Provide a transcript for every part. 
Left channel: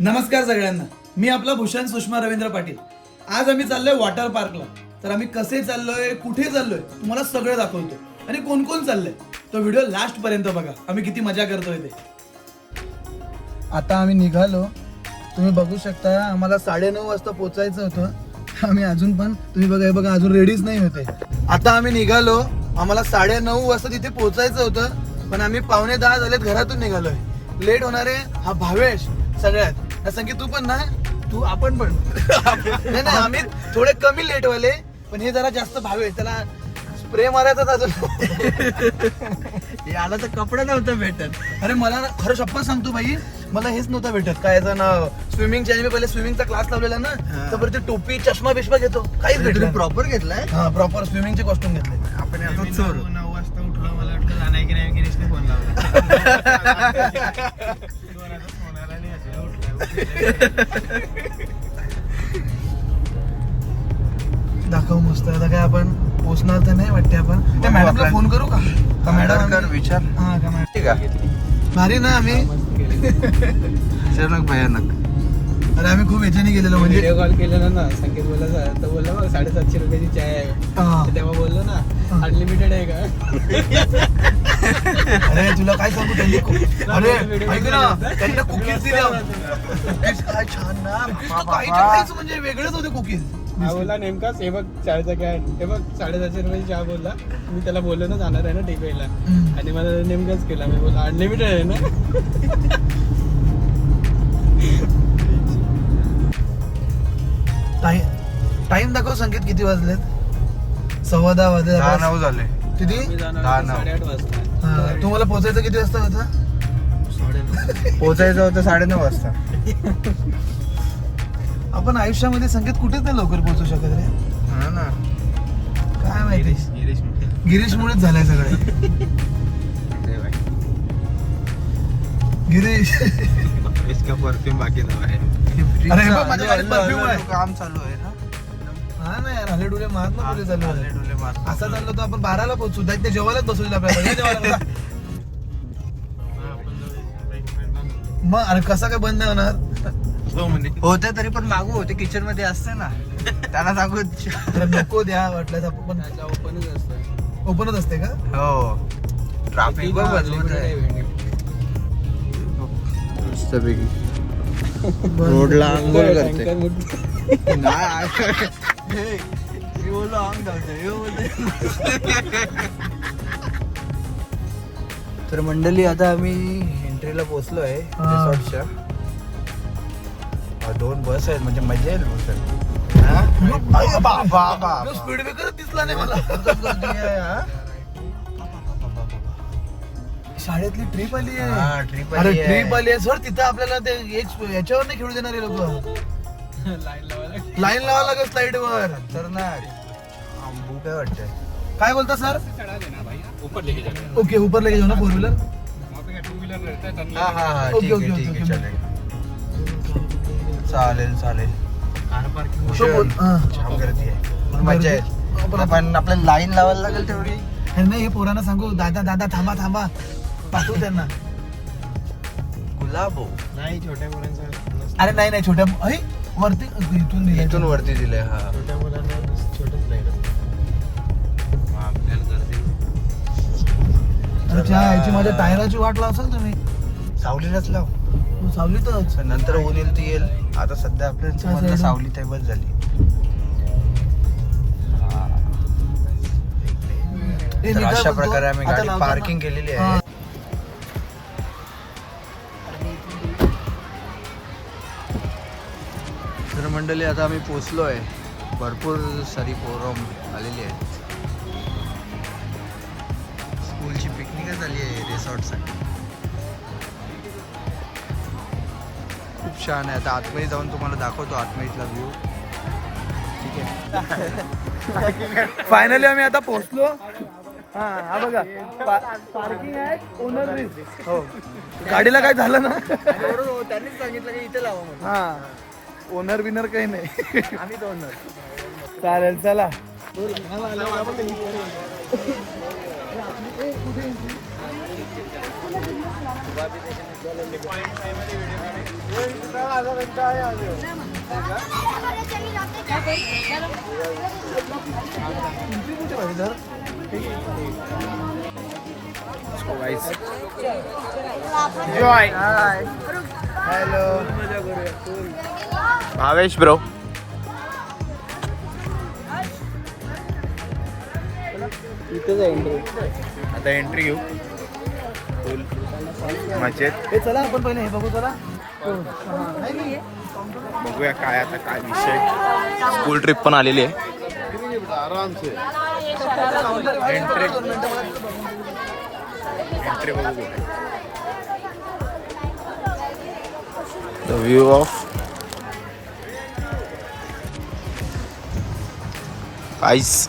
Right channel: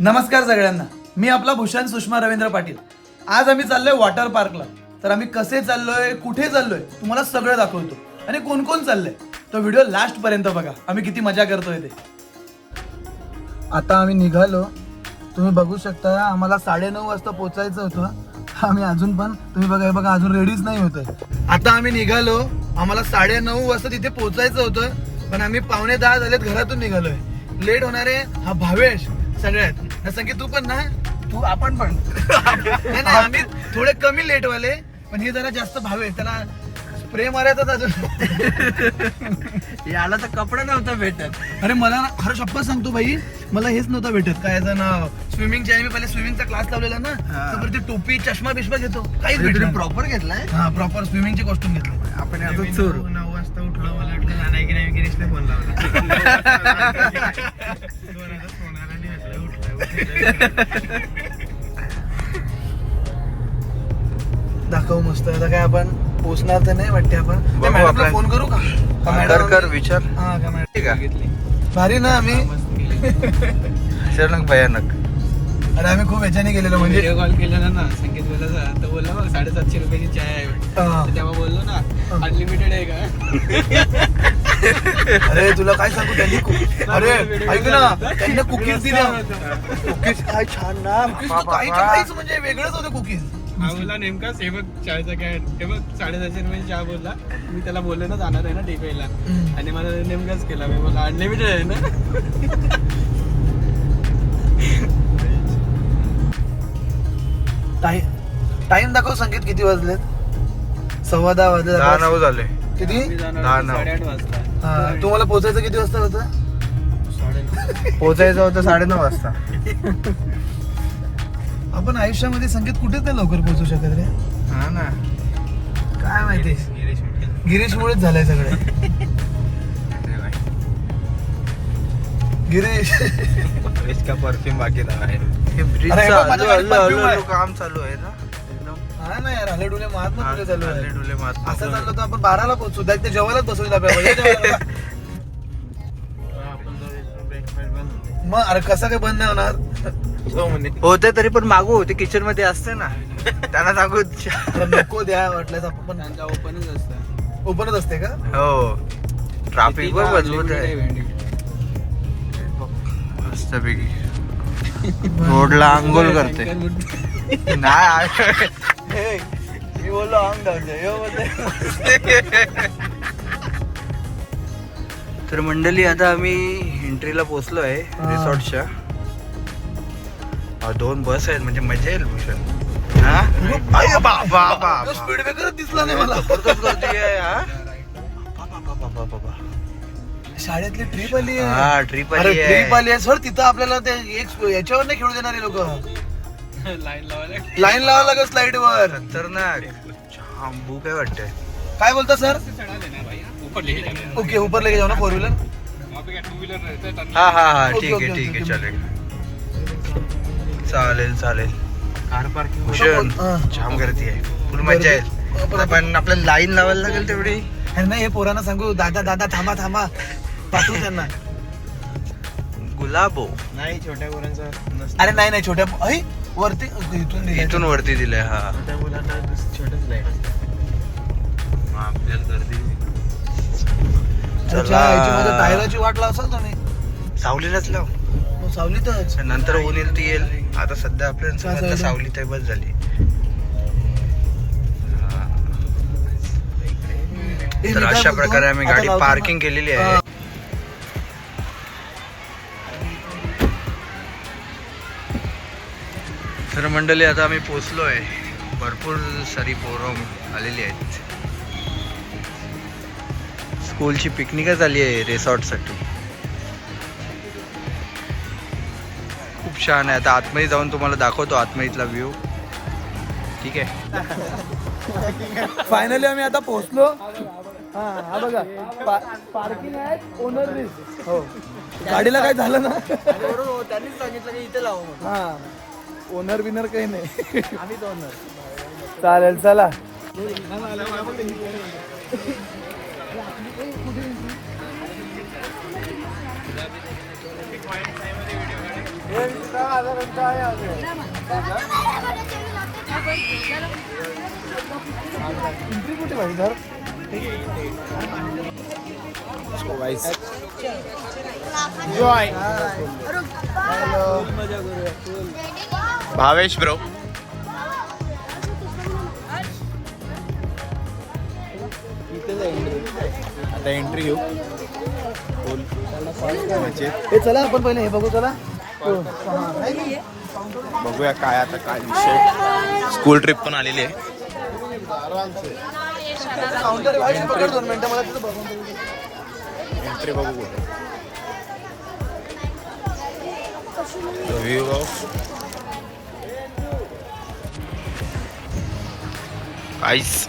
नमस्कार सगळ्यांना, मी आपला भूषण सुषमा रवींद्र पाटील. आज आम्ही चाललोय वॉटर पार्कला. तर आम्ही कसे चाललोय, कुठे चाललोय, तुम्हाला सगळं दाखवतो. आणि कोण कोण चाललंय तो व्हिडिओ लास्ट पर्यंत बघा. आम्ही किती मजा करतोय ते. आता आम्ही निघालो. तुम्ही बघू शकता, आम्हाला 9:30 वाजता पोहोचायचं होतं. आम्ही अजून पण तुम्ही बघा, हे बघा, अजून रेडीच नाही होते. आता आम्ही निघालो. आम्हाला 9:30 वाजता तिथे पोहोचायचं होतं, पण आम्ही 9:45 झालेत घरातून निघालोय. लेट होणार आहे हा भावेश सगळ्यात. संगीत तू पण ना, तू आपण पण नाही नाही, आम्ही थोडे कमी लेट वाले, पण हे जरा जास्त भावेश. त्याला स्प्रे मारायचा अजून. याला तर कपडे नव्हतं भेटत. अरे मला ना खरं शप्पथ सांगतो भाई, मला हेच नव्हतं भेटत. काय ना स्विमिंगची, आणि मी पहिले स्विमिंगचा क्लास लावलेला ना, तर ते टोपी चष्मा बिष्मा घेतो, काहीच भेटलं. प्रॉपर घेतलाय. हा, प्रॉपर स्विमिंगचे कॉस्ट्युम घेतले. आपण आता चोर 9 वाजता उठलो. मला वाटतं जाणार की नाही, गिरीशने फोन लावला. दाखव मस्त. आता काय आपण पोचणार तर नाही वाटते. आपण त्या मॅडमला फोन करू का? कर विचार. हा, त्या मॅडम. ठीक आहे. भारी ना. आम्ही भयानक भयानक. अरे आम्ही खूप ह्याच्याने गेलेलो. म्हणजे व्हिडिओ कॉल केलेला ना, संकेत बोलला तर बोलला मग 750 रुपयाची चाय आहे. हा. तेव्हा बोललो ना, अनलिमिटेड आहे का? अरे तुला काय सांगू, त्यांनी अरे ऐक ना, त्यांनी कुकीज दिलं. कुकीज काय छान ना. काहीच म्हणजे वेगळंच होते कुकीज. हा बोला नेमकाच, हे बघ चायचा कॅन, हे बघ 750 रुपयाची चहा बोलला. मी त्याला बोललो ना जाणार आहे ना टिकवायला, आणि मला नेमकाच केला. मी बोलला अनलिमिटेड आहे ना. टाइम दाखव संकेत, किती वाजले? 10:15 वाजले. 10-9 झाले. किती? मी जाणार 10-9. 8:30 वाजता. हा, तुम्हाला पोहोचायचं किती वाजता होतं? पोहोचायचं होतं 9:30 वाजता. आपण आयुष्यामध्ये संकेत कुठेच नाही लवकर पोहोचू शकत रे. हा ना. काय माहिती, गिरीश म्हटले. गिरीशमुळेच झालंय सगळं. अरे भाई, गिरीश इसका परफ्यूम बाकी था. हे अरे ब्रिजचं बाबा, हळू- माझ्याकडे हळू- perfume आहे. हळू काम चालू आहे ना. हा ना यार, हल्ले डुले मारत ना पुढे चालू आहे. हल्ले डुले मारत असं चाललं तर आपण 12ला पोहोचू. द्या ते जेवायलाच बसवू आपल्याला. मग अरे कसं काय बंद नाही होणार? होते तरी पण मागू होते, किचन मध्ये असते ना. त्यांना सांगू. अरे नको द्या, वाटल्यास आपण पण. त्यांचा ओपनच असतं. ओपनच असते का? हो. ट्राफिक किती पण दहा मजबूत आहे. unlimited मस्तपैकी रोडला आंघोळ करते. नाही मी बोललो तर मंडळी, आता आम्ही एंट्रीला पोहोचलो आहे रिसॉर्टच्या. 2 बस आहेत, म्हणजे मजा येईल भूषण. स्पीड ब्रेकरच दिसला नाही मला. शाळेतली ट्रिप आली आहे. हा, ट्रिप अरे आली ट्रिप आहे. आली आहे सर. तिथं आपल्याला ते याच्यावर नाही खेळू देणारे लोक. लाईन लावायला. लाईन लावा लागेल स्लाइड वर. खतरनाक. आंबू काय वाटतंय. काय बोलता सर? सड़ा देना भाई, ऊपर लेके जाना. ओके, ऊपर लेके जाओ ना 4 व्हीलर. वहाँ पे क्या 2 व्हीलर रहता है तब. हा हा हा, ओके, ठीक ओके, आहे ठीक आहे, ओके. चालेल चालेल चालेल. Car park. भूषण हा. जाम गर्दी आहे, फुल मजा येईल. पण आपल्याला लाईन लावायला लागेल तेवढी. हे नाही, हे पोरांना सांगू, दादा दादा थांबा थांबा, पाठवू त्यांना. गुलाबो नाही, छोट्या मुलांचं नसतं. अरे नाही नाही, छोट्या ऐ, वरती इथून इथून वरती दिलंय. हा, छोट्या मुलांना छोटंच लाईन असतं. आपल्याला गर्दी. चला. मध्ये टायराची वाट लावसाल तुम्ही. सावलीलाच लाव, सावलीतच. नंतर ऊन येईल ती येईल. आता सध्या आपल्या समजलं सावलीत आहे, बस झाली. तर अशा प्रकारे आम्ही गाडी पार्किंग केलेली आहे. तर मंडळी, आता आम्ही पोचलो आहे. भरपूर सारी पोरं आलेली आहेत. स्कूलची पिकनिकच आली आहे रिसॉर्टसाठी. खूप छान आहे. आता आतमध्ये जाऊन तुम्हाला दाखवतो आतमधीतला व्ह्यू. ठीक आहे. फायनली आम्ही आता पोहोचलो. हा बघा, पार्किंग आहे, ओनर रिस्क. हो, गाडीला काय झालं ना, बरोबर, त्यांनीच सांगितलं की इथे लावा म्हणून. हा, ओनर बिनर काही नाही. आम्ही तो ओनर. चालेल, चला. Joy hello Bhavesh bro. आता एंट्री घेऊ फुल मजेत. हे चला आपण पहिले हे बघू चला. बघूया काय आता काय विषय. स्कूल ट्रिप पण आलेली आहे. एंट्री बघू कुठे. The view of ice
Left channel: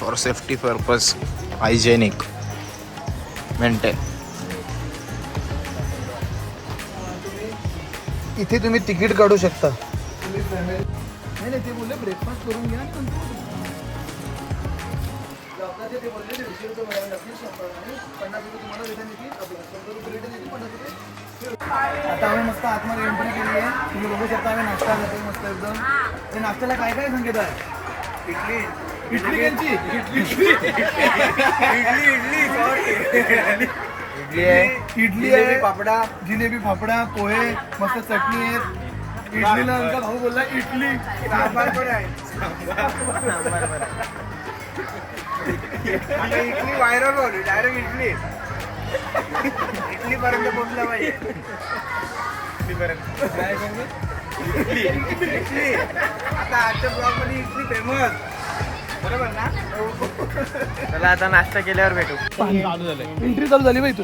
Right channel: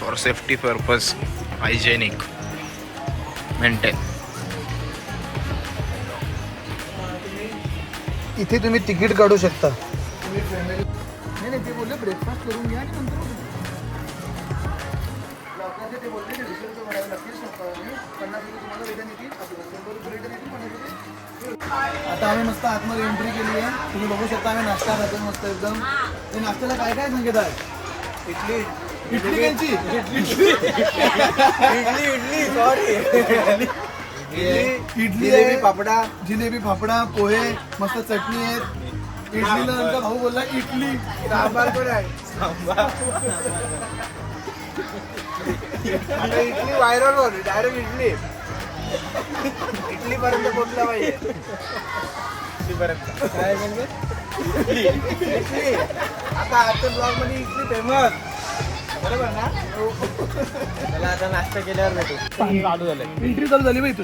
for safety purpose hygienic maintain. इथे तुम्ही तिकीट काढू शकता. तुम्ही फॅमिली नाही ते बोलले ब्रेकफास्ट करून घ्या आणि नंतर लवकर ते बोलले 150 रुपये भरावे लागतील आणि 50 रुपये तुम्हाला रिटर्न येतील. आपल्या 100 रुपये रिटर्न येतील, 50 रुपये. आता आम्ही मस्त आतमध्ये एंट्री केली आहे. तुम्ही बघू शकता आम्ही नाश्ता खातो मस्त एकदम. हे नाश्त्याला काय काय संकेत आहे? इडली घ्यायची. इडली आहे, पापडा, जिलेबी फाफडा, पोहे, मस्त चटणी आहे. इडलीला आमचा भाऊ बोलला इडली सांबार पण आहे. इडली व्हायरल होती डायरेक्ट. इडली पर्यंत पोहोचला पाहिजे. आता आजच्या ब्लॉग मध्ये इडली फेमस बरोबर ना. चला आता नाश्ता केल्यावर भेटू. एंट्री चालू झाली बाई तू.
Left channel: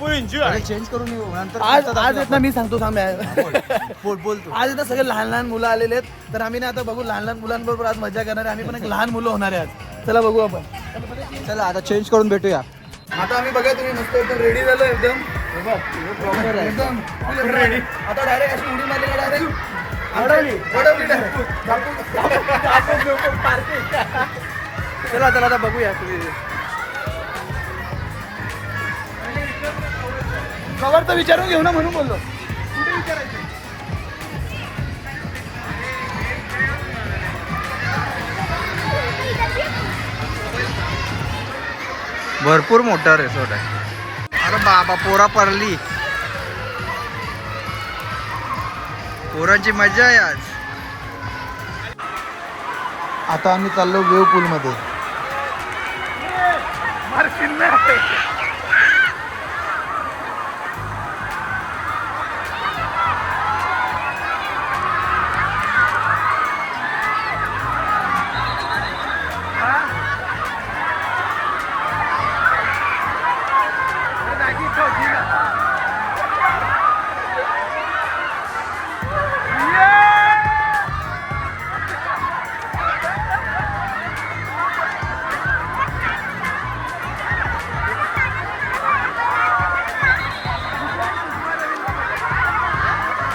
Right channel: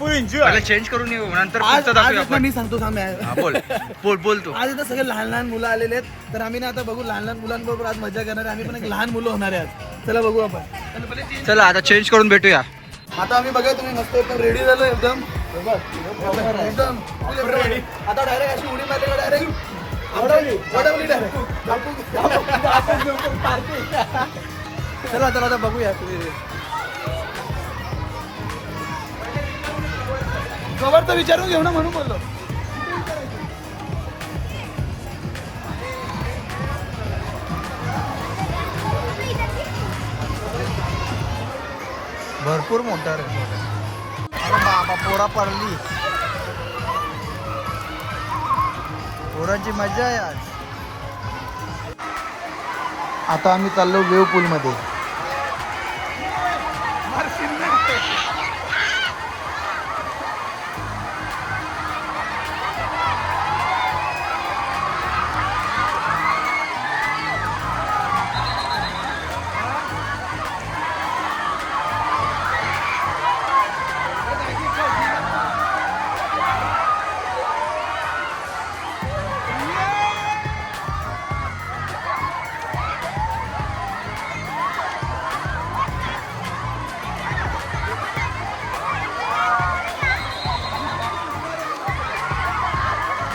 पहिले चेंज करून येऊ नंतर आज पुढचं दाखवूया आज आपण. मी सांगतो थांब यार. हा, बोल बोल बोल तू. आज आता सगळे लहान लहान मुलं आलेले आहेत. तर आम्ही ना आता बघू लहान लहान मुलांबरोबर आज मजा करणार आहे. आम्ही पण एक लहान मुलं होणार आहे आज. चला बघू आपण. चला आता चेंज करून भेटूया. आता आम्ही बघा तुम्ही मस्त एकदम रेडी झालो एकदम. एकदम रेडी. आता डायरेक्ट अशी उडी मारली डायरेक्ट वडवली डायरेक्ट. चला चला आता बघूया तुम्ही. कवर तर विचारून घेऊ ना म्हणून बोललो. भरपूर मोठा रिसॉर्ट आहे. अरे बाबा पोरा पडली. पोरांची मजा आहे आज. आता आम्ही चाललो वेव पूल मध्ये.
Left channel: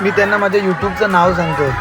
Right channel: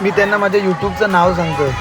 मी त्यांना माझ्या युट्यूबचं नाव सांगतोय.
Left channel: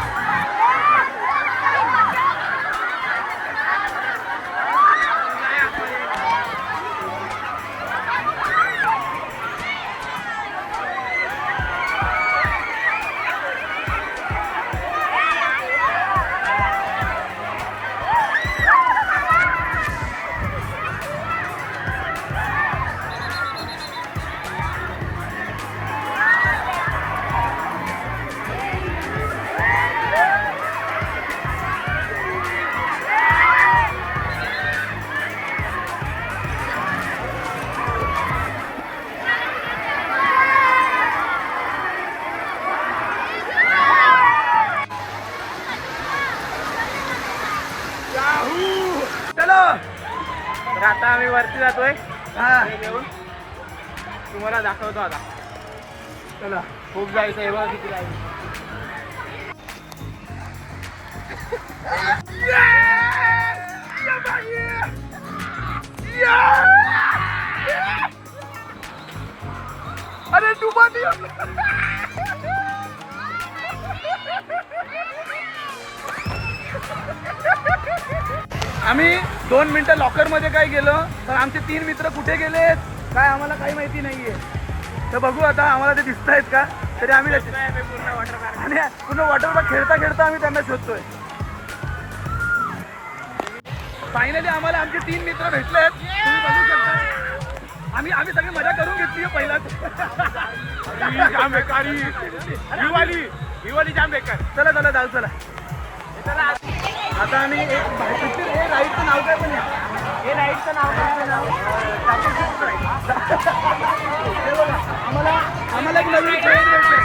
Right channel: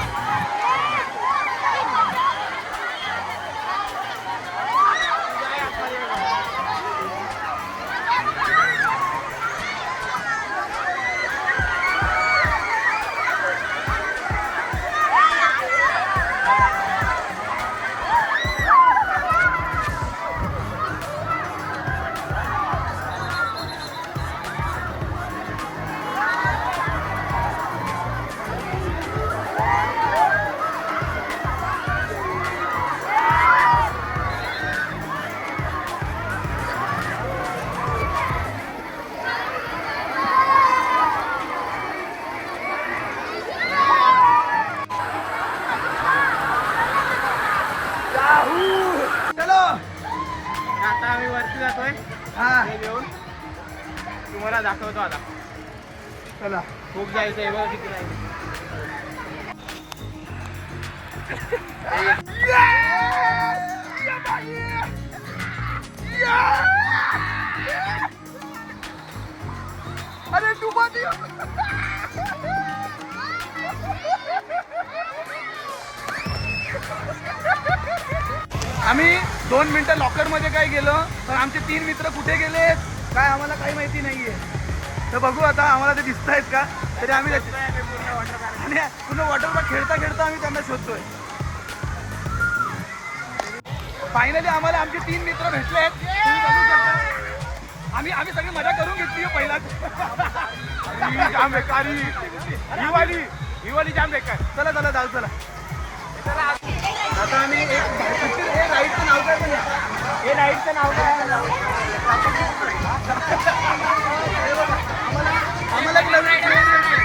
चलो तर आता आम्ही वरती जातोय. हा घेऊन तुम्हाला दाखवतो आता. चला. खूप जायचं आहे बघा किती लागेल. अरे तू आम्ही 2 मिनिटं लॉकर मध्ये काय गेलो तर आमचे 3 मित्र कुठे गेलेत काय आम्हाला काही माहिती नाहीये. तर बघू आता आम्हाला ते दिसत आहेत का. तरी आम्ही त्याची आणि पूर्ण वॉटर पार्क खेळता खेळता आम्ही त्यांना शोधतोय. फायनली आम्हाला आमचे 3 मित्र भेटले आहेत. तुम्ही बघू शकता. आम्ही सगळी मजा करून घेतली पहिलाच. चला चला जाऊ चला. आता आम्ही एक राईडचं नाव काय पण हे राईडचं नाव आम्हाला एक नवीन ट्रेन भेटले.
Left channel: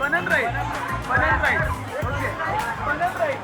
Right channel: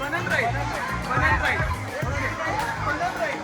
बनन राईड ओके. बनन राईड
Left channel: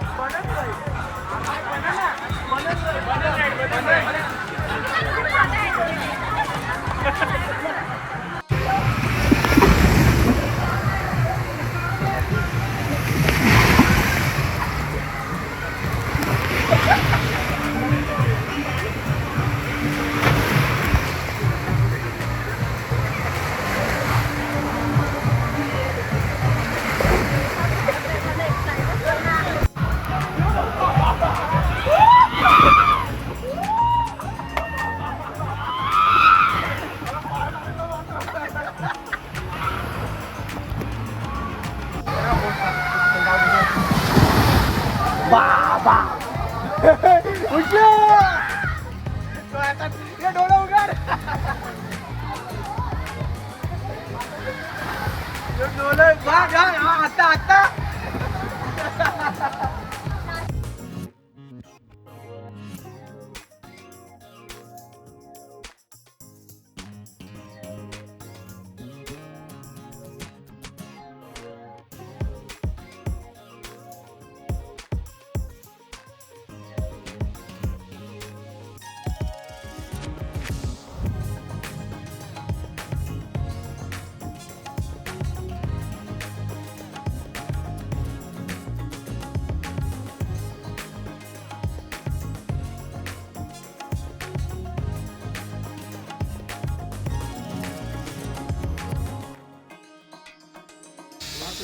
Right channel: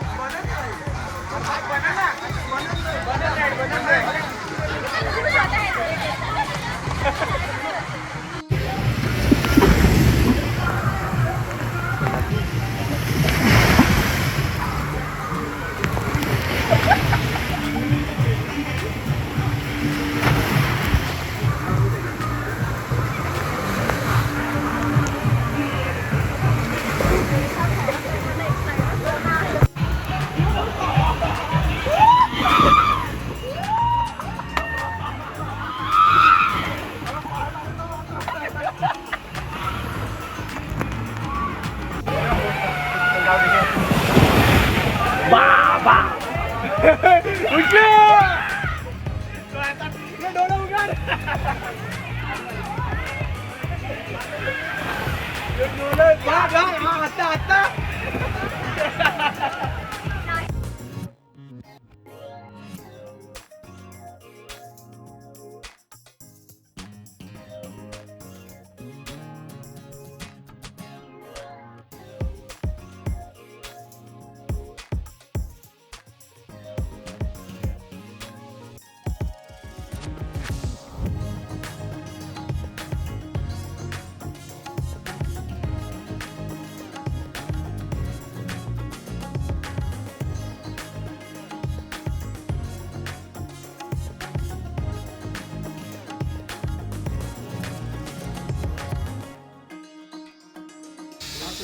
आता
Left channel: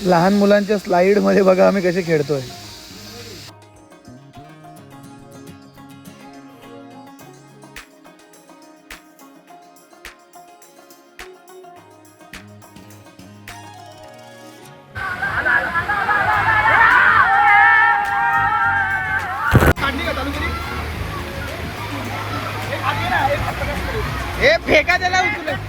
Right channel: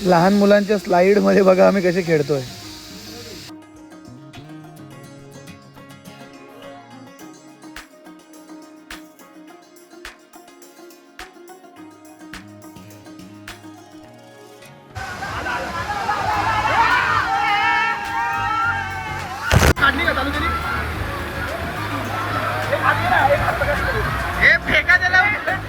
लहान मुलांच्या स्लाइड मध्ये बघा आम्ही कसे खेळतोय. हे फेका त्याला उचलून.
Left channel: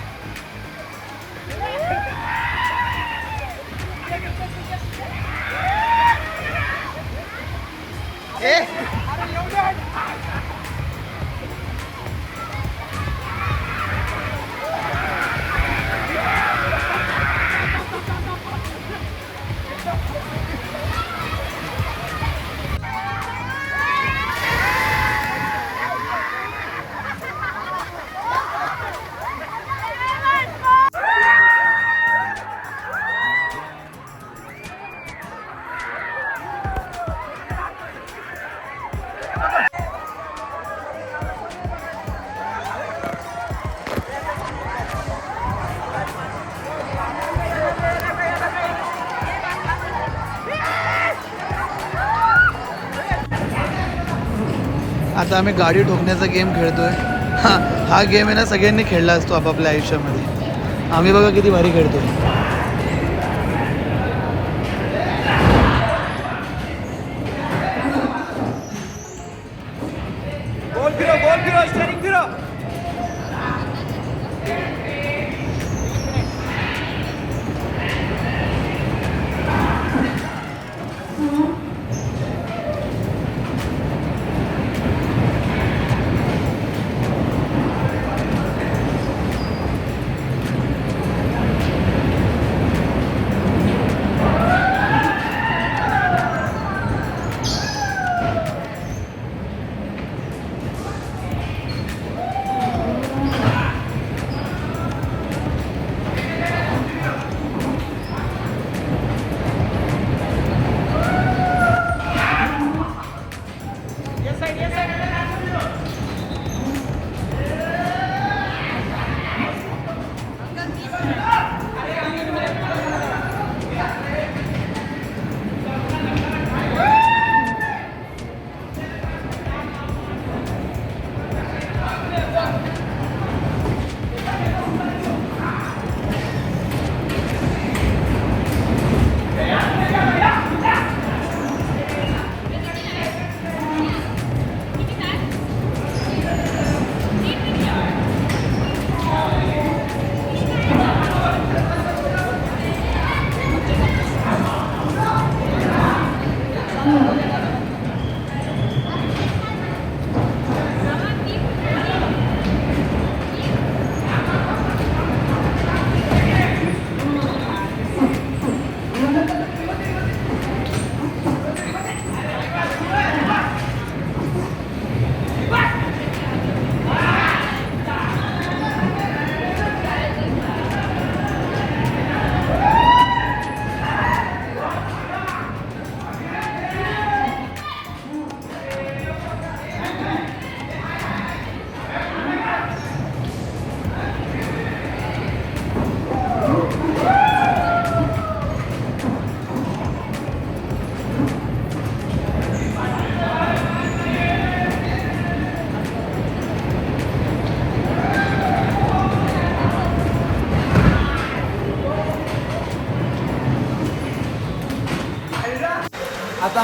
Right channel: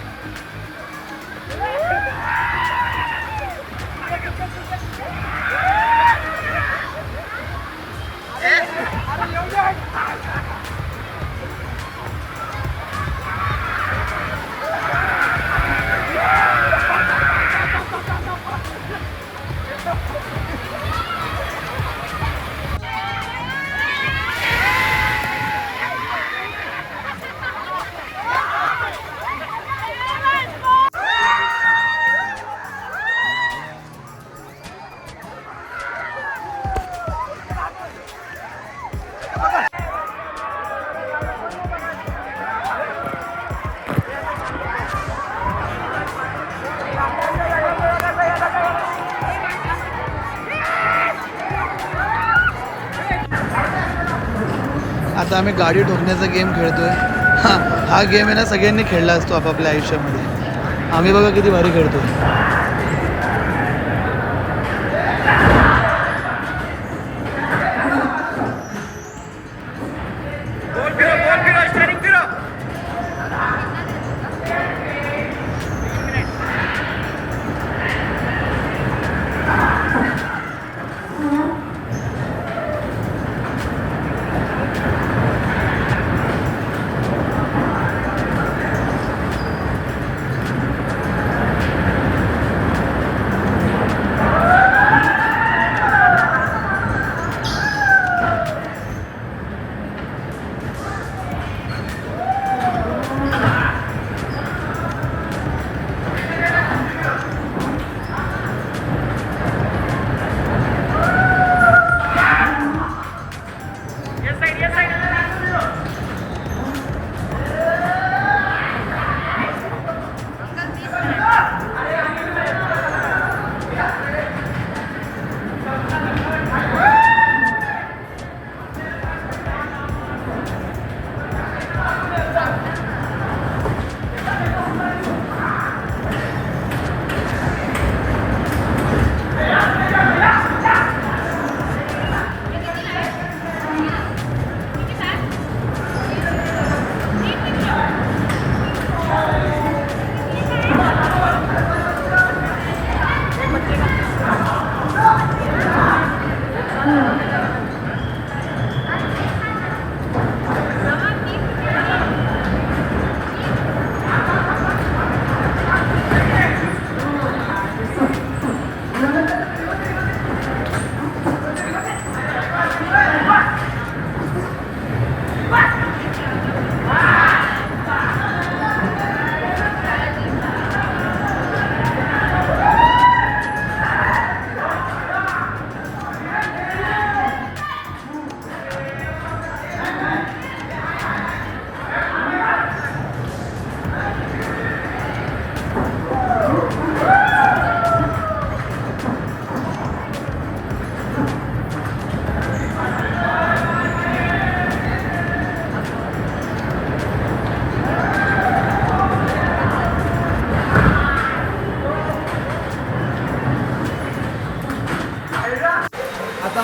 आता आम्ही गाडी ठोकण्याचा गेम खेळतोय. हा गेम आहे ना सगळ्यांनी खेळला असतो आपापल्या आयुष्यामध्ये. आम्ही बघा किती भारी खेळतोय.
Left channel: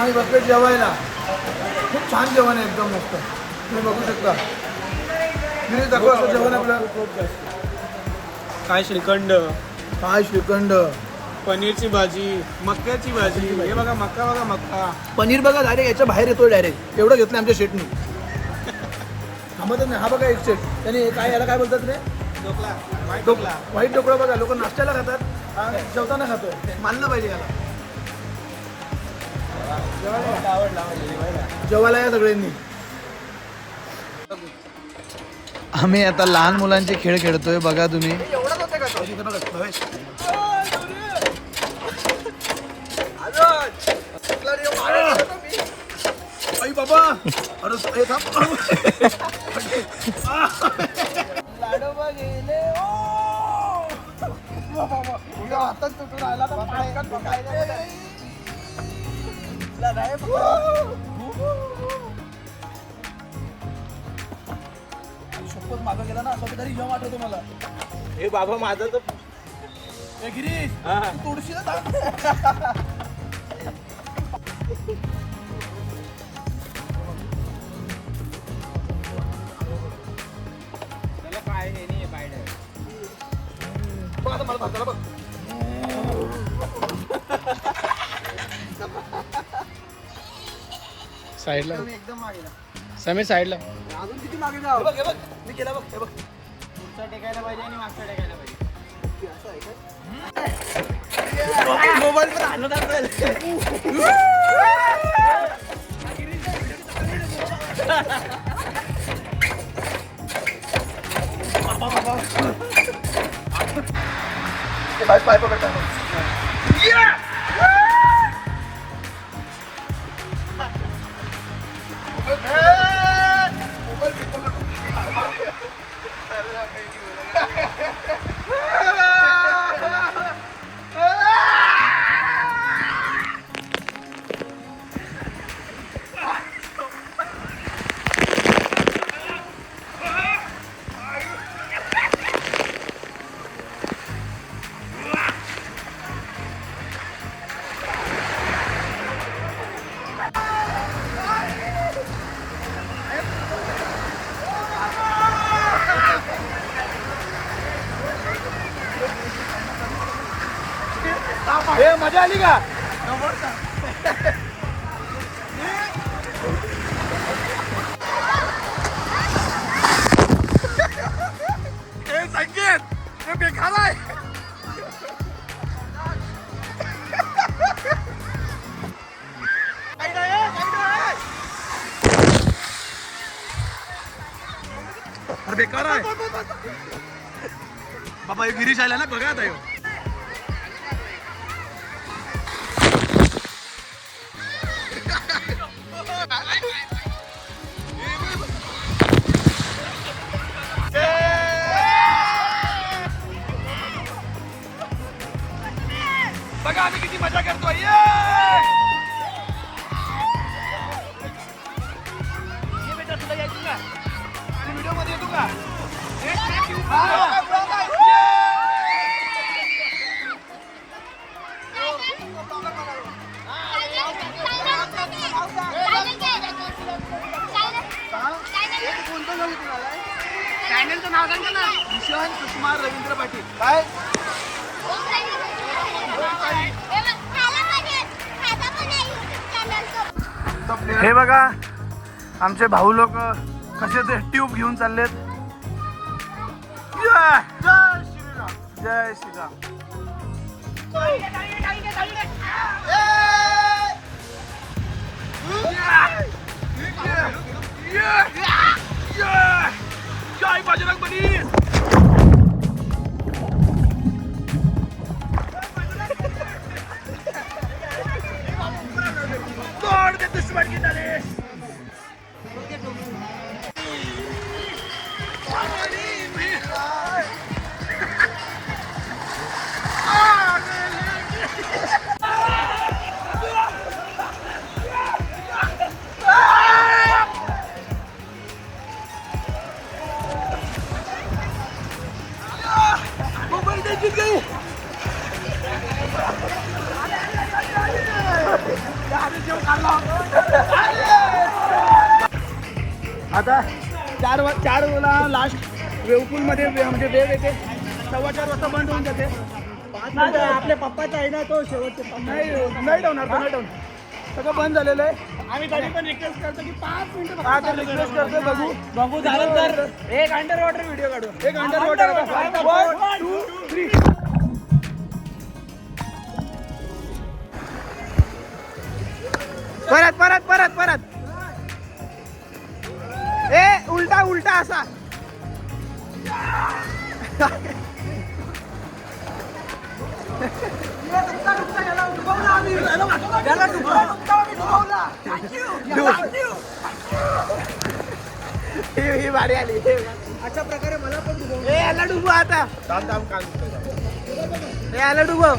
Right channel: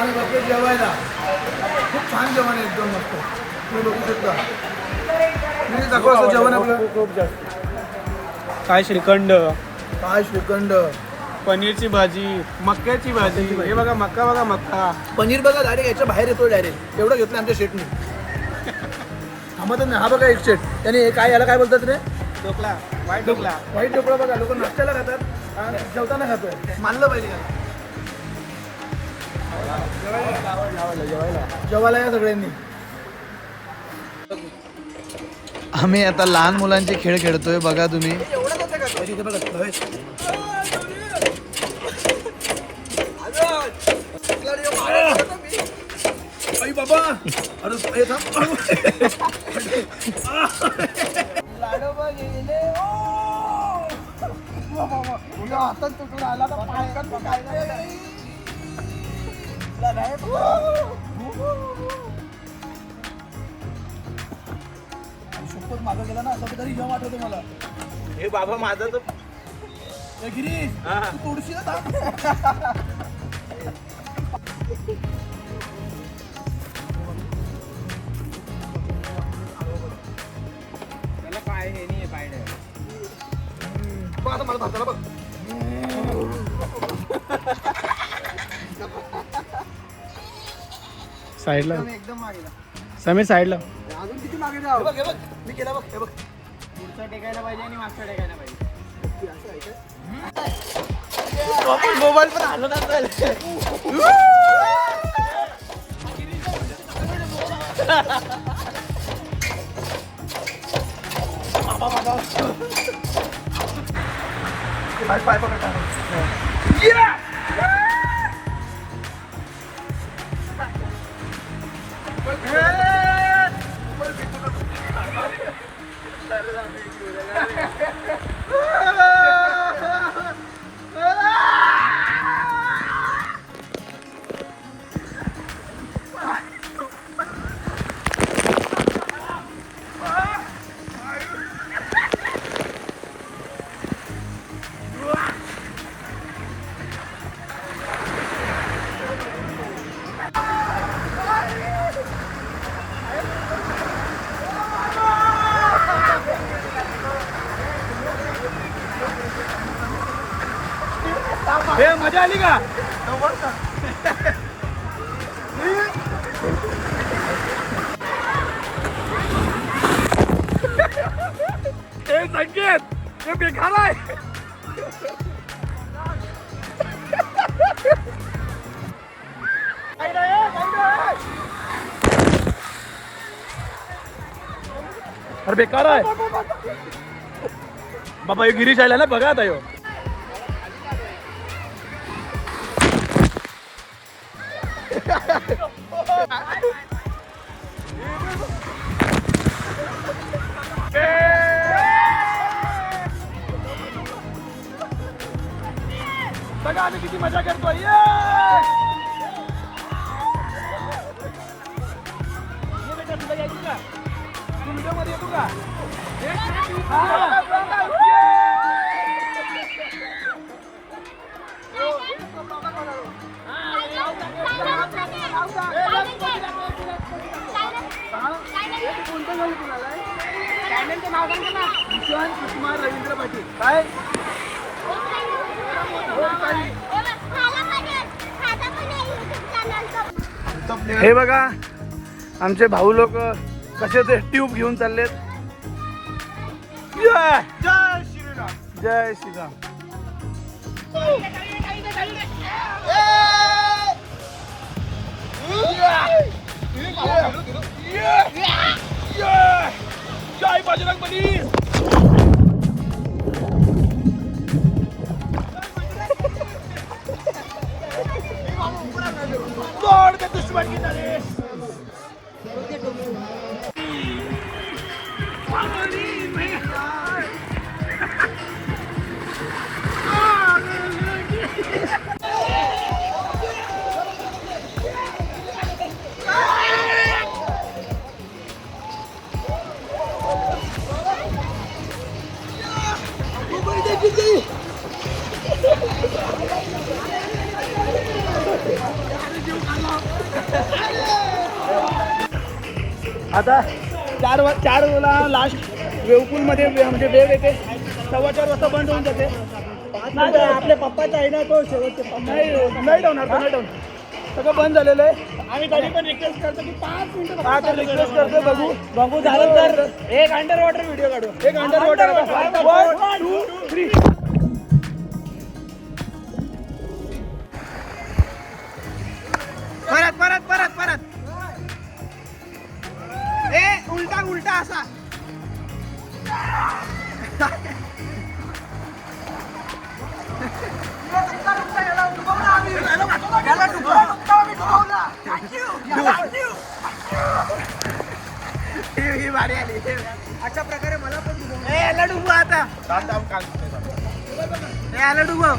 आम्ही बघतोय जेवायला. खूप छान जेवण आहे, एकदम मस्त. तुम्ही बघू शकता. मी दाखवतो जेवण आपलं. काय श्रीखंड, काय श्रीखंड, पनीरची भाजी, मक्याची भाजी. हे बघा मक्का, बघा मक्का. पनीर बघा डायरेक्ट याच्या बाहेर येतो डायरेक्ट. एवढं घेतलं आमच्या शेटनी. थांबतच नाही. हा बघा एक शेट. त्याने काय याला काय बोलतात रे? व्हाईट ढोकळा बघा. लोक नाश्त्याला खातात आणि जेवताना खातोय. मानलं पाहिजे. जेवायला या सगळ्यांनी. आम्ही आता लहान मुलांचे खेळ खेळतोय बघा तुम्ही. आई बाबा, अरे थांब. लाडोबा गेले. हातात तुटून आला तर पायकात पकायला. शपथ मागं गेला ना असं तरी जेव्हा आठवतो मला. हे बाबा माझं तर ए गिरीश, तू तोडशी ना थांब. त्याला काय हे नाही पायडं. बघ आता मला भारताला बघ. साईडला एकदम मागे. समीर साईडला. अजून किती मागे जाऊ? बघ हे बघ, मी केला बघ. हे बघ, पुढचा टेकायला पाहिजे आणि मागचा टेकायला पाहिजे. असं आहे काय? मोबाईल पण हालत असेल. पाय पाय पकडता. मजा आली का? संकेत हे बेकार आहे. अरे बेकार आहे बाबा. हे गिरीश आला ना बघा आता. ह्यो बघा आम्ही किती मजा करतोय. ये बेटा, तुला यायचं का? तू व्हिडिओ मध्ये येतो का? चॅनलचं नाव सांगा ना. भूषण सुषमा रवींद्र पाटील. काय हे बघा आमचे भाऊ लोक कसे ते ट्यूब घेऊन चाललेत. जय श्रीराम, जय श्रीराम. जय बजरंगबली. तोड़ दे दुश्मन की तलीस. जीत गई. आता 4 वेळा लास्ट वेवपूलमध्ये म्हणजे वेळ येते 4:15 वाजता बंद होऊन जाते. आपल्या पप्पाचा आहे ना तो शेवटचे नाही ठेवणार तो नाही ठेवणार. सगळं बंद झालेलं आहे. आम्ही तरी पण रिक्वेस्ट करतो की 5 मिनिटं आता रिक्वेस्ट करतो बघू झालं तर एक अंडर वॉटर व्हिडिओ काढू. एक अंडर वॉटर 1 2 3 परत ए उलटा असा ही भारी आली. अशा प्रकारे मला पण याला डुबू आता. हे आला डुबव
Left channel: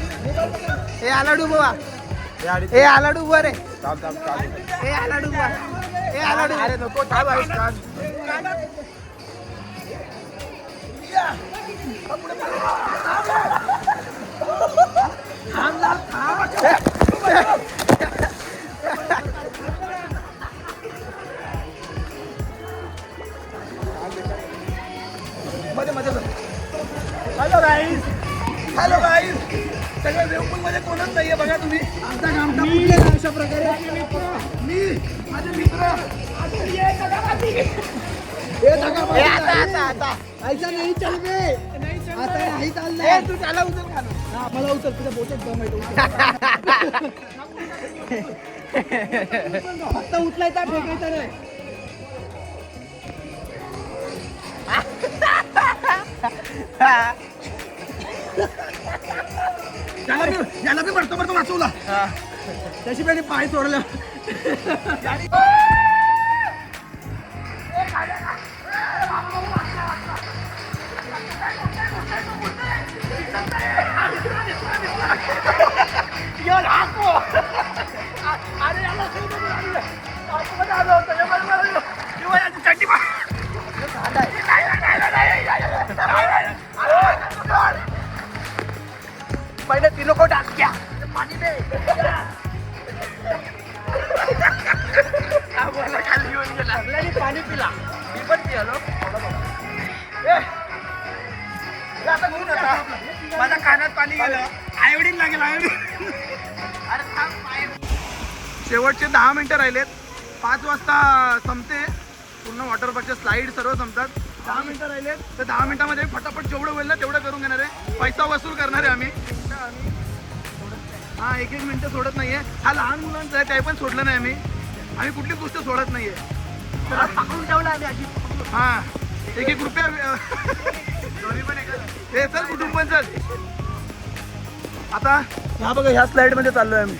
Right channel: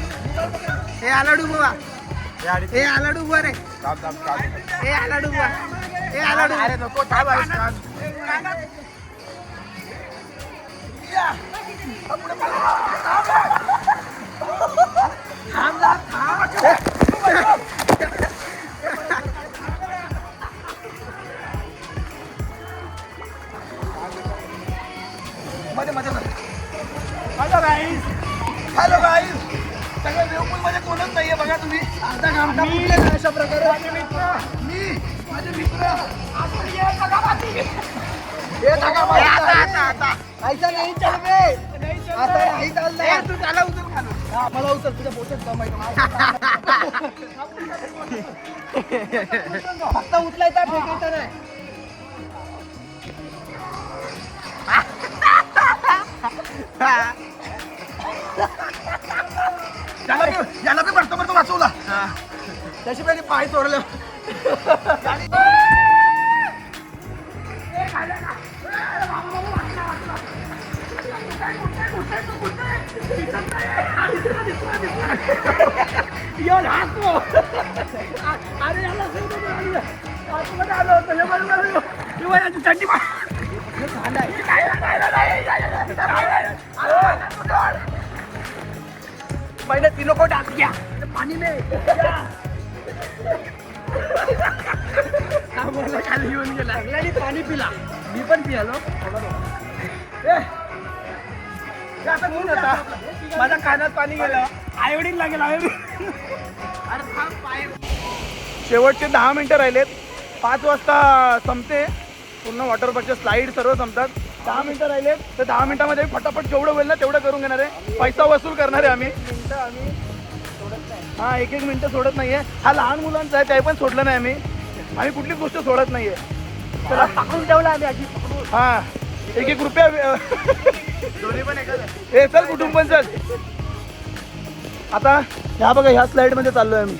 हे आला डुबवा हे आला डुबवा रे हे आला डुबवा हे आला डुबवा. अरे नको थांब हॅलो गाईज सगळ्या वेवपूल मध्ये कोणच नाहीये बघा तुम्ही. अशा प्रकारे मी माझे मित्र आता ऐसा नाही चल बे आता नाही चाललंय तू त्याला उचल खाना. मला उचल तुझ्या बोचत जमायचं फक्त उचलायचा फेकायचा नाही. याला मी भरतो वाचवला त्याची पहिले पाय चोरलं. पहिले 3 को डाक दिया पानी में खाली येऊन गेला पाणी पिला मी पण पिलो. आता कोण होता माझ्या कानात पाणी गेलं. आयोडीन लागेल आयोडीन. शेवटचे 10 मिनिटं राहिलेत. 5 वाजता संपते पूर्ण वॉटर पार्कचे स्लाईड सर्व संपतात. 10 मिनिटं राहिलेत तर 10 मिनिटामध्ये फटाफट जेवढं होईल ना तेवढं करून घेणार आहे. पैसा वसूल करणार आहे आम्ही. हा 1-1 मिनिटं सोडत नाहीये. हा लहान मुलांचा आहे ते पण सोडलं नाही आम्ही कुठलीच गोष्ट सोडत नाहीये. पकडून ठेवला आम्ही आधी. हा 1-1 रुपया दोन्ही पण एकच हे चल कुटुंब पण चल. आता ह्या बघा ह्या स्लाईड मध्ये चाललोय आम्ही.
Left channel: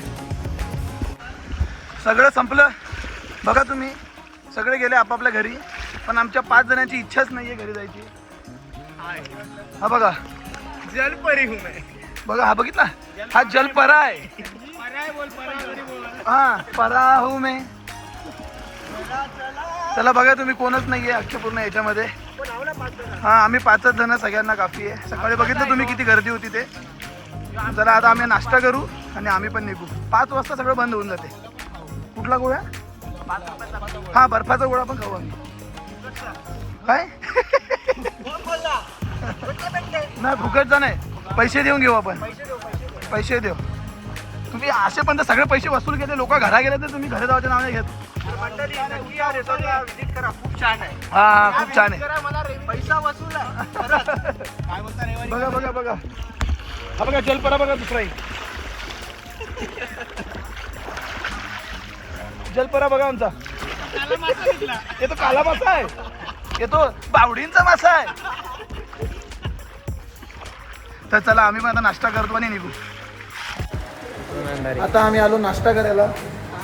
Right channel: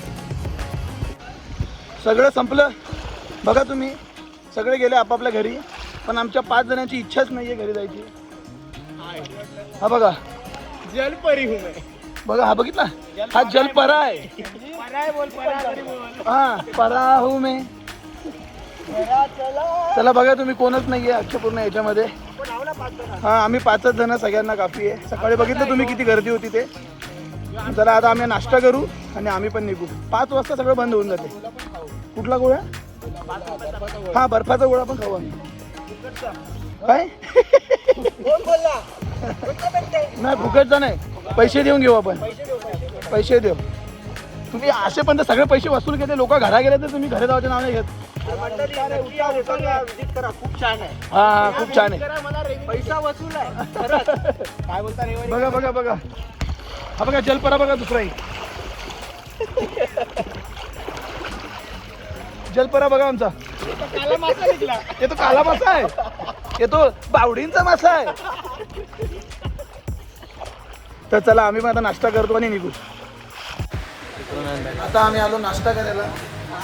सगळं संपलं बघा तुम्ही. सगळे गेले आपापल्या घरी पण आमच्या 5 जणांची इच्छाच नाहीये घरी जायची. हा बघा जलपरी हूं मैं. बघा हा बघितला हा जलपरा आहे. हा परा हूं मैं. चला बघा तुम्ही कोणच नाहीये अख्ख्या पूर्ण याच्यामध्ये. हा आम्ही 5च जण सगळ्यांना काफी आहे. सकाळी बघितलं तुम्ही किती गर्दी होती ते. चला आता आम्ही नाश्ता करू आणि आम्ही पण निघू. 5 वाजता सगळं बंद होऊन जाते. कुठला गोळा हा बर्फाचा गोळा पण खाऊ आम्ही. काय नाही फुकटचा नाही पैसे देऊन घेऊ आपण. पैसे देऊ. तुम्ही असे पण तर सगळे पैसे वसूल केले. लोक घरा गेले तर तुम्ही घरी जायचं नाव नाही घेत. विजिट करा खूप छान आहे. हा खूप छान आहे. मला पैसा वसूल आहे काय बोलता रे. बघा हा बघा जलपरा बघा दुसराही जलपरा बघा आमचा. ये तो काला मासा आहे. ये तो बावडींचा मासा आहे. तर चला आम्ही पण आता नाश्ता करतो आणि निघू. आता आम्ही आलो नाश्ता करायला.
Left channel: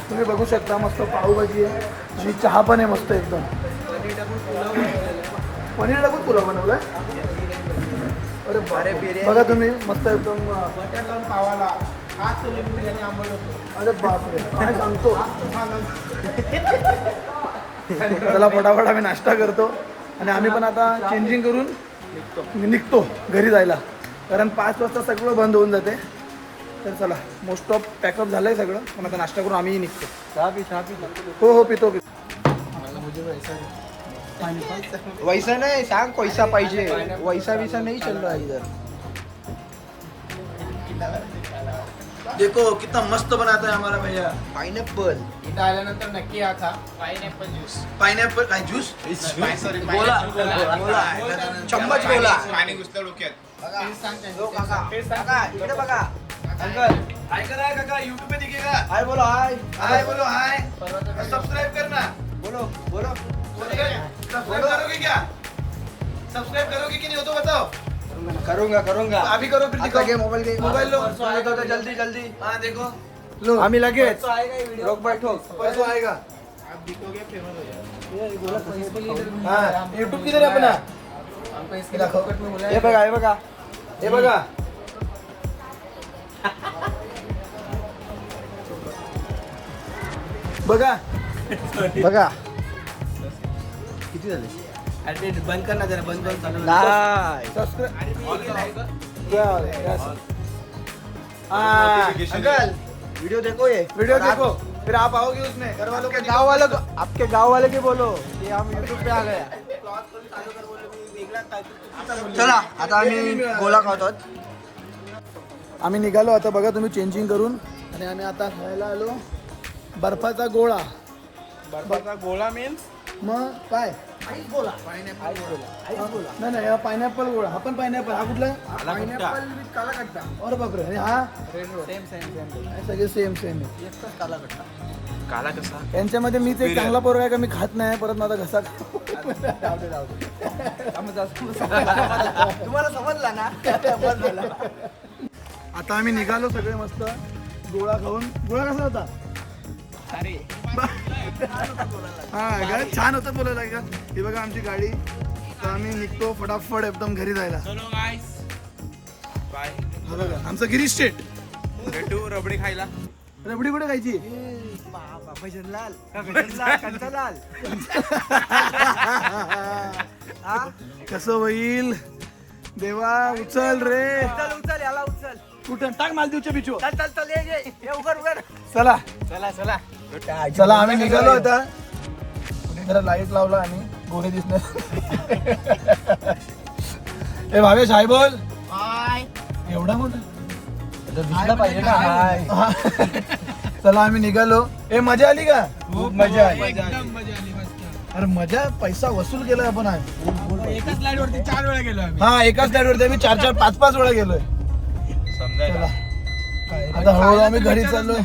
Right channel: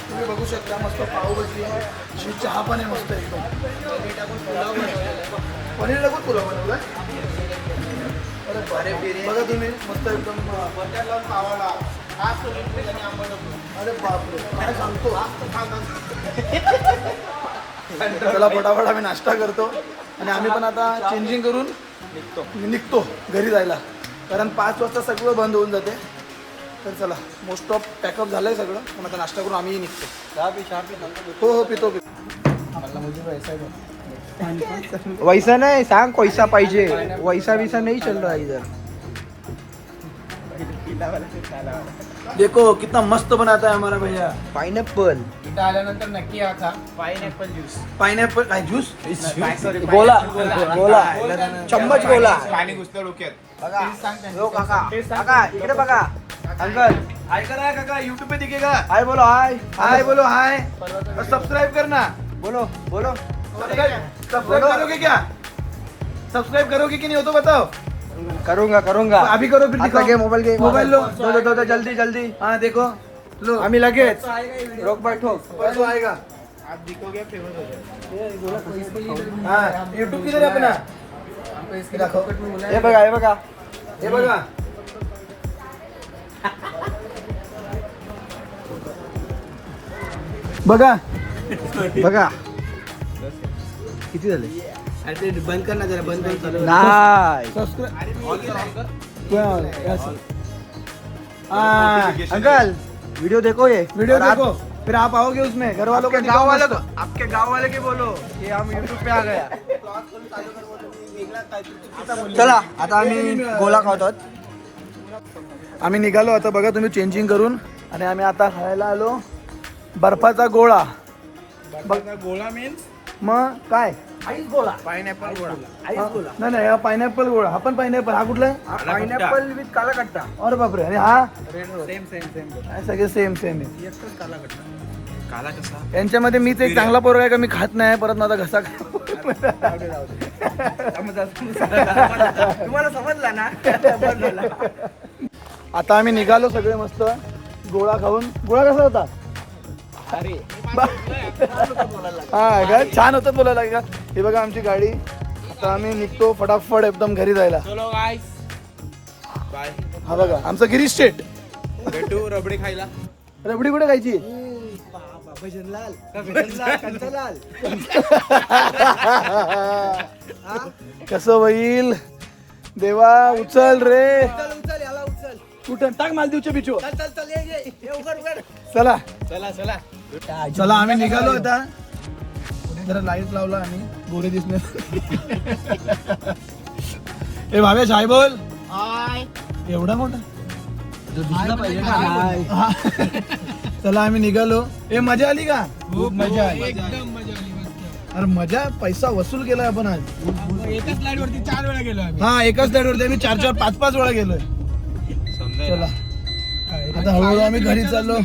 तुम्ही बघू शकता मस्त पावभाजी आहे. जी चहा पण आहे मस्त एकदम. पनीर टाकून पुलाव बनवला. अरे बापरे बघा तुम्ही मस्त एकदम बटर लावून पावाला हात लिंबू आणि आंबट होतो. अरे बापरे काय सांगतो. चला फटाफट आम्ही नाश्ता करतो आणि आम्ही पण आता चेंजिंग करून निघतो घरी जायला. कारण 5 वाजता सगळं बंद होऊन जाते. तर चला मोस्ट ऑफ पॅकअप झालंय सगळं, पण आता नाश्ता करून आम्ही निघतो. हो हो पितो. वैसा नाही सांग, पैसा पाहिजे. वैसा विसा नाही चल रहा इधर. देखो कितना मस्त बनाता है हमारा भैया. पाइनएप्पल इथं आल्यानंतर नक्की या खा पाइनएप्पल ज्यूस. पाइनएप्पल काय ज्यूस. गोला गोला चम्मच गोला. पाणी घुसलं डोक्यात. बघा हो काका, काका इकडे बघा. अंकल ऐका ना काका, यूट्यूब पे दिखेगा. हाय बोलो. हाय हाय बोलो हाय. सब्सक्राइब करना. बोलो बोलो. सब्सक्राइब करोगे क्या? सब्सक्राइब करोगे कि नहीं हो तो बताओ. करूंगा. अभी करो फिर आता दिखाओ. घे मोबाईल घे. Mobile low. दो जल्दी. हाँ देखो लो. आम्ही लगेच रोक बैठो. परसों आएगा. आप दिखोगे फेमस हो जाएगा. हाँ यूट्यूब किधर है अपना. दाखव. हे बघा हे बघा. बघा किती झाले. अरे ते बंद कर ना जरा, बंद करून चालू कर. नाही अंकल वीडियो देखो ये. वीडियो और आप- देखो फिर आप आओगे उसमें घर वालों आपके गांव वाले के बोलो कि हम यूट्यूब पे आ गया. चला आता आम्ही गोला खातो. आम्ही निघालो आता बघा तुम्ही चेंजिंग करून, आणि आम्ही आता खायला आलो बर्फाचा गोळा. गोळा मीन्स मग काय पाइनएप्पल गोळा. नाही नाही हा पायनॅपल गोळा. हा पण पायनॅपल. हा कुठला आहे. पाइनएप्पल विथ काला कट्टा. अरे बापरे. आणि हा सेम हे सगळे सेम आहे. काला कसा. यांच्यामध्ये मीच एक चांगला पोरगा आहे का मी खात नाही, परत माझा घसा तुम्हाला समजला ना. बस झालं. आता आम्ही निघालो सगळे मस्त गोळा खाऊन. गोळा कसा होता. अरे हा का छान होतं बोलायला का. हे बघा आमची गाडी. आता आम्ही निघतो फटाफट एकदम घरी जायला. चलो गाइस बाय. हा बघा आमचं गिरीश स्टेट. भेटू रबडी खायला. रबडी कुठे खायची. भजनलाल कंचलाल. कसं होईल देवा. उचल रे. उचल याला उचल. कुठं टाक मालदीवच्या बिचो. चल ये उघड. चला चला आम्ही निघालो आता. जरा लाईट लावला आणि गोरे दिसणार. ए भावेश हाय बोल. एवढा मोठा पाहिजे ना. चला आम्ही निघालो. ए मजा आली का. खूप मजा आली. एकदम मजा आली मस्त. अरे मजा. पैसा वसूल केलाय आपण आज. एकाच स्लाइड वरती 4 वेळा गेलो आम्ही. हा एकाच स्लाइड वरती आम्ही 4-4 5-5 वेळा गेलोय. चला आता हळूहळू आम्ही घरी चाललो.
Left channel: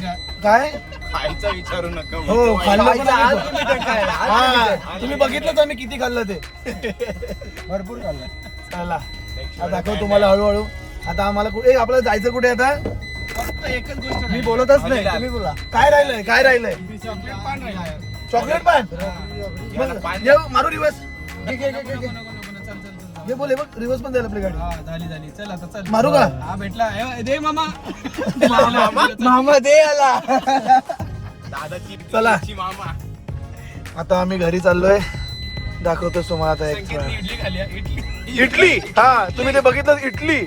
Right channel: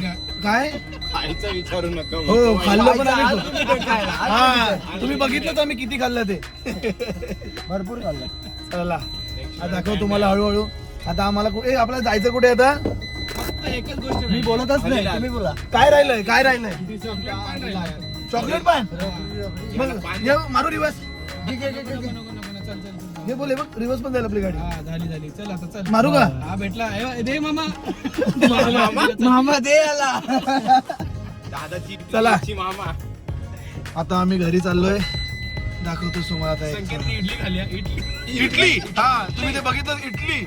काय खायचा विचारू नका. हो खाल्लं पण आम्ही. हा तुम्ही बघितलंच आम्ही किती खाल्लं ते. भरपूर झालं. चला आता दाखव तुम्हाला हळूहळू. आता आम्हाला आपल्याला जायचं कुठे आता. फक्त एकच गोष्ट मी बोलतच नाही तुम्ही बोला. काय राहिलंय चॉकलेट पान राहिला. चॉकलेट पान. मग ये मारू रिवर्स. चल. हे बोले बघ रिवर्स पण द्यायला आपली गाडी. हा झाली चल आता चल. मारू का. हा भेटला. दे मामा. मामा दे याला. दादाची चला. मामा. आता आम्ही घरी चाललोय. दाखवतो तुम्हाला आता एक इडली खाली आहे, इडली. इटली. हा तुम्ही ते बघितलं इटली.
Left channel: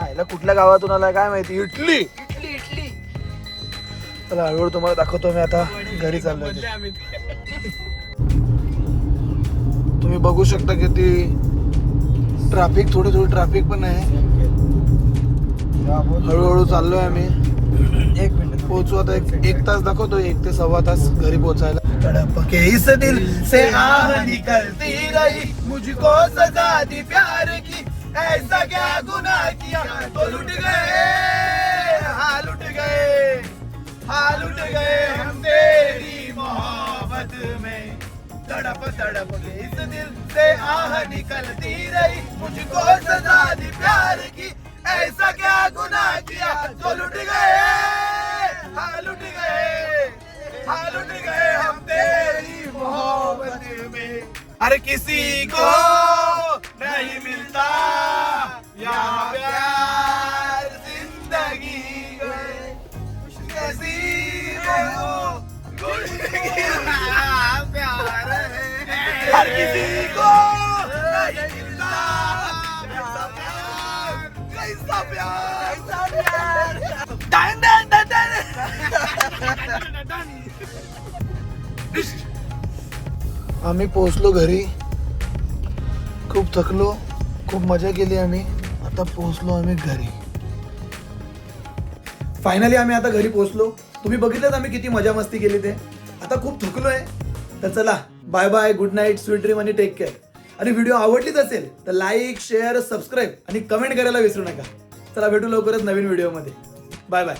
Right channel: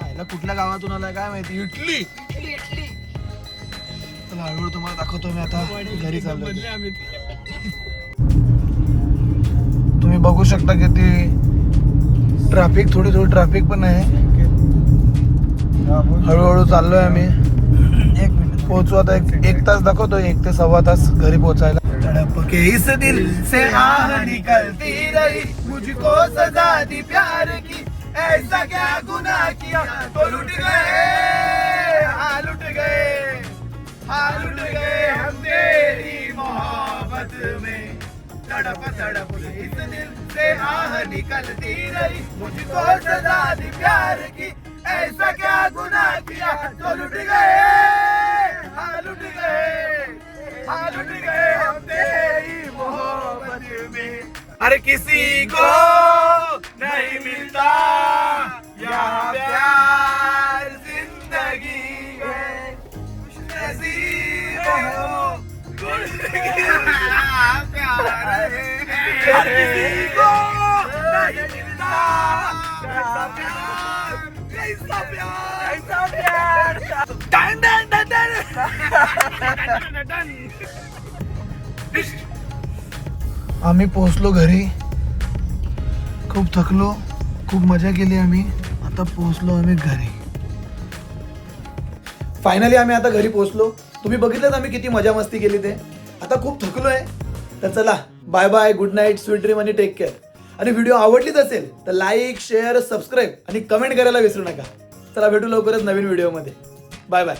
याला कुठल्या गावातून आलाय काय माहिती. इटली. चला हळूहळू तुम्हाला दाखवतो मी आता घरी चाललोय. बदले आम्ही. तुम्ही बघू शकता किती ट्रॅफिक. थोडी ट्रॅफिक पण आहे. हळूहळू चाललोय आम्ही. 1 मिनिट पोहोचू आता. एक तास दाखवतो. 1 ते सव्वा तास घरी पोहोचायला. तड़प के इस दिल से आह निकलती रही, मुझको सजा दी प्यार की, ऐसा क्या गुनाह किया तो लुट गए, हाँ लुट गए, हाँ लुट गए हम तेरी मोहब्बत में. तड़प तड़प के इस दिल से आह निकलती रही, मुझको सजा दी प्यार की, ऐसा क्या गुनाह किया तो लुट गए, हाँ लुट गए, हाँ लुट गए हम तेरी मोहब्बत में. अरे किसी को नहीं मिलता यहाँ प्यार जिंदगी में, नसीब हो प्यार है. हर किसी को नहीं मिलता कैसा प्यार, कैसा प्यार. आम्ही पोहोचलो घरी. खूप थकलो, खूप मजा केली आम्ही. आता पोहोचलो आम्ही घरी. फायनली आम्ही आता घरी पोहोचलो. तुम्ही बघितलं आम्ही किती मजा मस्ती केली ते. आता खूप थकलोय. तर चला bye bye, good night, sweet dream आणि टेक केअर. आणि व्हिडिओ आवडलीच असेल तर लाईक, शेअर, सबस्क्राईब आणि कमेंट करायला विसरू नका. चला भेटू लवकरच नवीन व्हिडिओमध्ये. Bye bye.